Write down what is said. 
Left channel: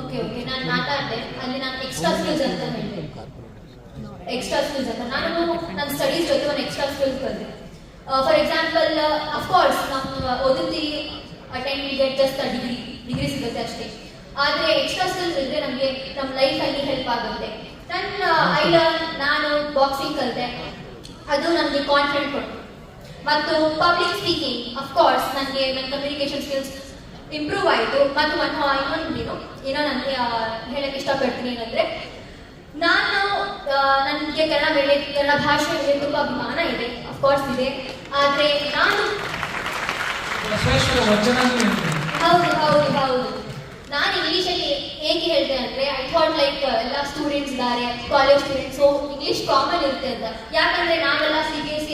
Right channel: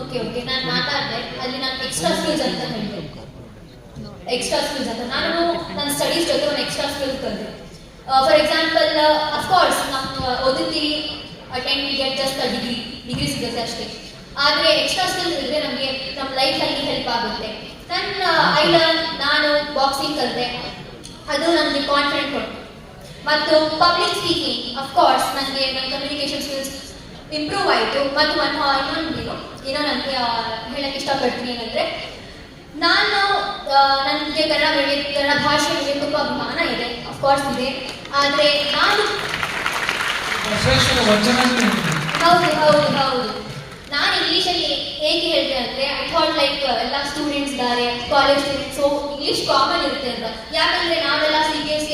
Okay okay, ನಾನು ಮಾತಾಡಿದೆ ಅಲ್ಲಿ ನಾನು ಎಕ್ಸ್ಟ್ರಾ ಸ್ಕಿಲ್ಸ್ ಅಂತ ಹೇಳಿದೆ. ಎಕ್ಸ್ಟ್ರಾ ಸ್ಕಿಲ್ಸ್ ಅಂತ ನಾನು ನನ್ನ ಸ್ಟಡೀಸ್ ಜೊತೆ ಒಂದು ಎಕ್ಸ್ಟ್ರಾ ಸ್ಕಿಲ್ಸ್ ಕಲಿತೆ. ಫಾರ್ ಎಕ್ಸಾಂಪಲ್, ಅಫ್ಕೋರ್ಸ್ ನಾವು ಓದುತ್ತೀವಿ, at end we get just degree ಸಿಗುತ್ತೆ ಅಷ್ಟೇ. ಆದರೆ ಎಕ್ಸ್ಟ್ರಾ ಸ್ಕಿಲ್ಸ್ ಇದ್ದರೆ ನಮಗೆ ನಮ್ಮ ಲೈಫಲ್ಲಿ ಹೆಲ್ಪ್ ಆಗುತ್ತೆ. ನಾನು ಬಾಕ್ಸಿಂಗ್ ಕಲಿತೆ, ಅದು ನನಗೆ ಕಾನ್ಫಿಡೆಂಟ್ ಕೊಟ್ಟು. ಮತ್ತು ಪಬ್ಲಿಕ್ ಸ್ಪೀಕಿಂಗ್, ಅಫ್ಕೋರ್ಸ್ ನನಗೆ ನನ್ನ ಕಮ್ಯುನಿಕೇಷನ್ ಸ್ಕಿಲ್ಸ್ ಇಂಪ್ರೂವ್ ಆಯಿತು. ಮತ್ತು ಏನೋ ನನಗೆ ಹೇಳಕ್ಕೆ ಇಷ್ಟಪಡ್ತೀನಿ ಏನಂದರೆ, ನನಗೆ ಕನ್ನಡ ಭಾಷೆ ಮೇಲೆ ತುಂಬ ಅಭಿಮಾನ ಇದೆ, ಅಫ್ಕೋರ್ಸ್ ಇದೆ. ಆದರೆ ಹೌದು ನಾನು ಇಂಗ್ಲೀಷಲ್ಲಿ ಹೇಗೆ ಹೇಳಿದೆ ಅಂದರೆ, ಐ ಥಾಟ್ ಲೈಕ್ ಎಲ್ಲ ಸ್ಟೂಡೆಂಟ್ಸ್ ಇದ್ದಾರೆ, college students, so English common ಇರುತ್ತೆ ಅಂತ. ಯಾಕಂದರೆ ನಾವೆಲ್ಲ CBSE